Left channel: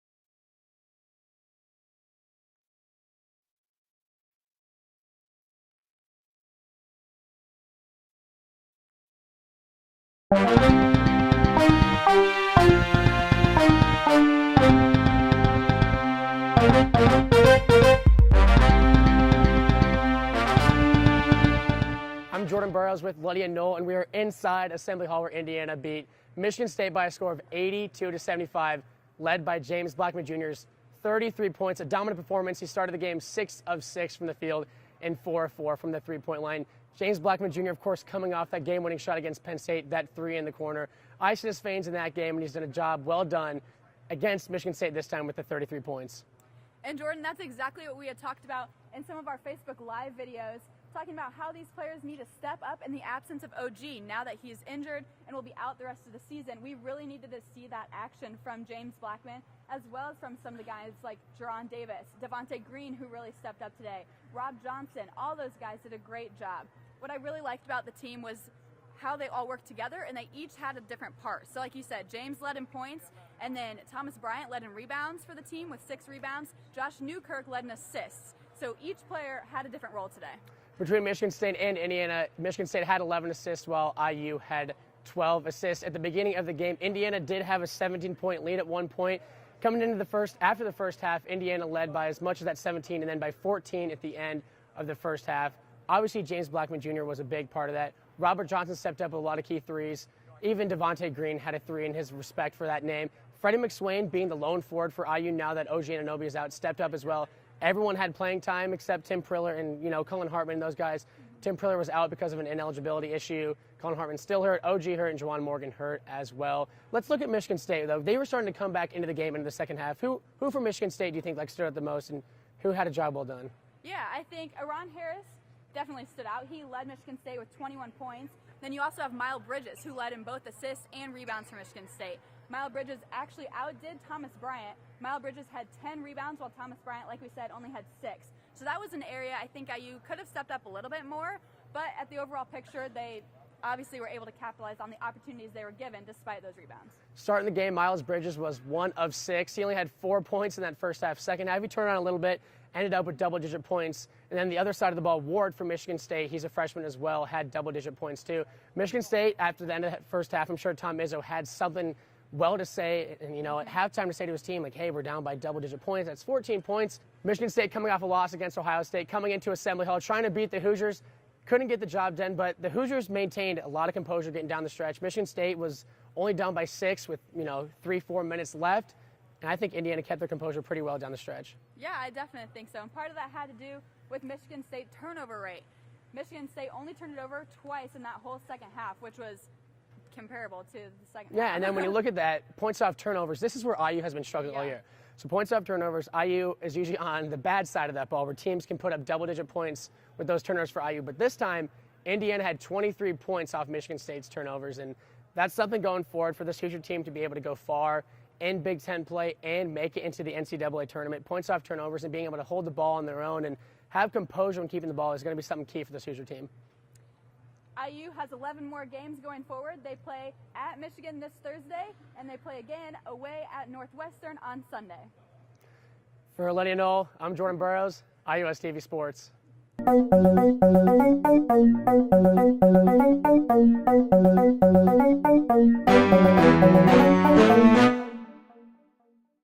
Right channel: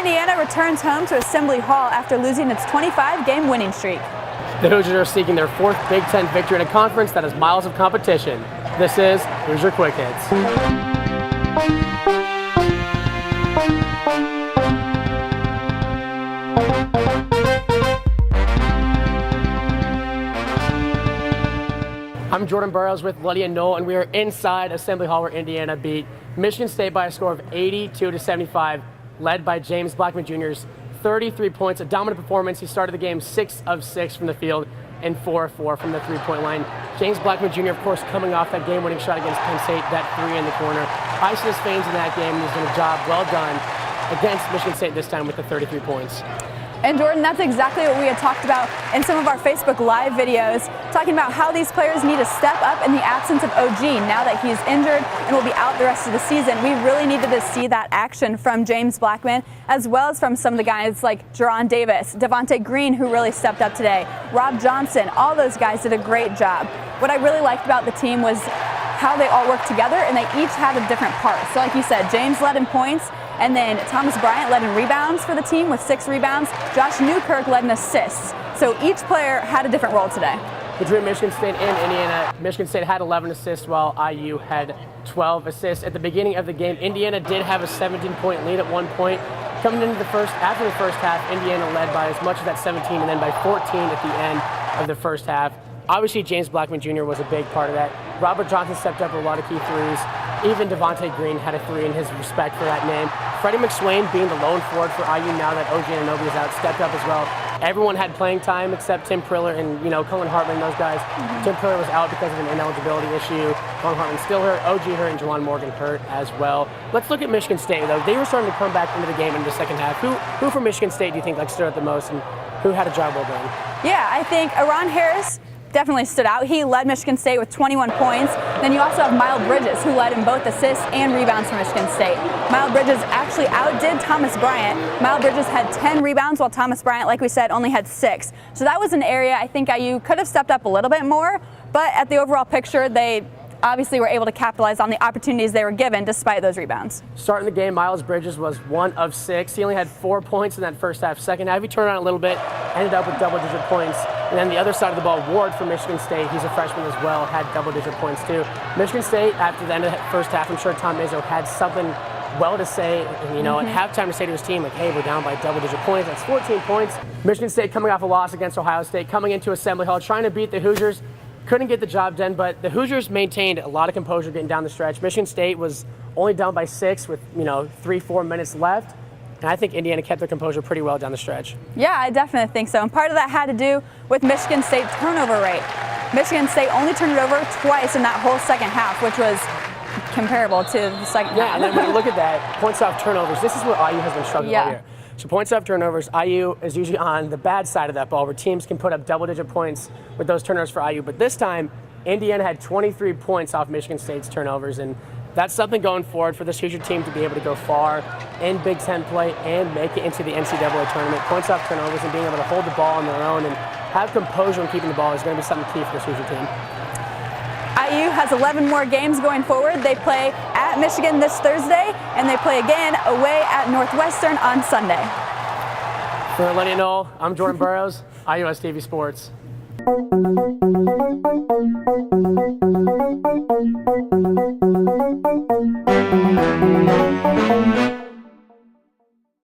Indiana returns home to Assembly Hall after losing its 25-game winning streak. The Hoosiers are seeking their 4th Big Ten victory in a conference that has miles of competition. This is Hoosier Quick Hits. I'm Jordan Burrows with Lydia Knoll, and we are inside Assembly Hall where Indiana beat Michigan State by a score of 82-75, led by James Blackman Jr.'s 33 points, a dominant performance. He started the game 6 of 6 from the field and 4 of 4 from the three-point line. James Blackman Jr., of course, coming off that game-winning shot against Penn State, that three in the corner. Iced his veins in that game, and he's done a job well done against Michigan State this time with the 33 points. And Jordan, that's exactly what we had talked about in some of our Facebook Live videos, talking about how these players need to step up in the absence of OG. Now that he's injured and will be out the rest of the season, we really needed to see that action from James Blackman, as well as from some of the guys like Jerron Davis, Devontae Green, who really stepped up today, Rob Johnson. All those guys did a great job. What I really liked about the team was how they all worked together, and they each had a different part. So like you said, James led in points, and then Thomas Bryant led in rebounds for the team with 6 rebounds. Josh Newkirk led in assists. So each player had a different role today. Between Michigan State and Indiana, Michigan State had 11 assists while IU had 12 assists. At the beginning of the game, Indiana did have a 17-point lead at one point. Coming into after the first half, Indiana led by as much as that 17 and then by 14 at the end of the first half. Obviously, James Blackman Jr. was a big part of that. Robert Johnson stepped up with a lot of key threes. Even Devontae Green had a 3 in his respect for that name. Freddie McSwain, being the lone forward for IU now that OG Anunoby is out, stepped up as well. Everyone had playing time except Tim Priller and, Cullen Hartman, those guys. Tim Priller was out because of an ineligibility issue. Cullen Hartman still hurt, OG hurt, and Juwan Morgan hurt as well. Let's look at Michigan State, though. They were starting to come back into the game in the second half. Who from Michigan State do you think stood out the most, and who had a job well done? Yeah, I think Aron Harris definitely stood out. He led Michigan State with 21 points. Then you also have Miles Bridges, who led in both assists and rebounds for Michigan State. Miles Bridges actually outdid Thomas Bryant. Miles Bridges had 10 rebounds, while Thomas Bryant, like we said, only had 6. So that was an area I think IU could have stepped up a little bit more, but at the overall picture, they obviously were able to capitalize on the opportunities they were given despite those rebounds. Starting the game, Miles Bridges was 1 of 6. He only had 4 points in that first half. Second half, he turned on a little bit, ended up with double-digit points. And then the other side of the ball, Ward from Michigan State, he's a freshman as well, had double-digit points too. Michigan State, after the end of the first half, I'm sure Tom Izzo had something well to say, and, at halftime to say to his team, like, hey, we're down by double-digit points. That's 14 points. Michigan State coming off a loss against Ohio State, coming into Assembly Hall, trying to beat the Hoosiers. Couldn't get the job done, but the Hoosiers maintained a lot of composure getting down the stretch. Michigan State was only down by 6 with, 3-4 minutes left. And I think Indiana kept their composure pretty well down the stretch. Yeah, I definitely think so. And part of that had to do with Michigan State's turnover rate. Michigan State only turned it over twice in that whole second half, which was comparable to the second half. Yeah, and then when you look at that, points off turnovers, this is where IU has been struggling all year. So points off turnovers, IU is usually on the bad side of that ball, where teams can put up double-digit points with those turnovers for IU. But this time, Indiana had 23 points off Michigan State's turnovers, and that's something going forward for this Hoosier team to be able to go far in Big Ten play and make it into the NCAA tournament. Points off turnovers and being able to hold the ball on their own and have composure when keeping the ball is going to be something key for this Hoosier team. IU has 11 more games going forward. They play at Michigan this Thursday, and they play again away at Northwestern on Sunday. For Lydia Knoll, I'm Jordan Burrows, IUS TV Sports.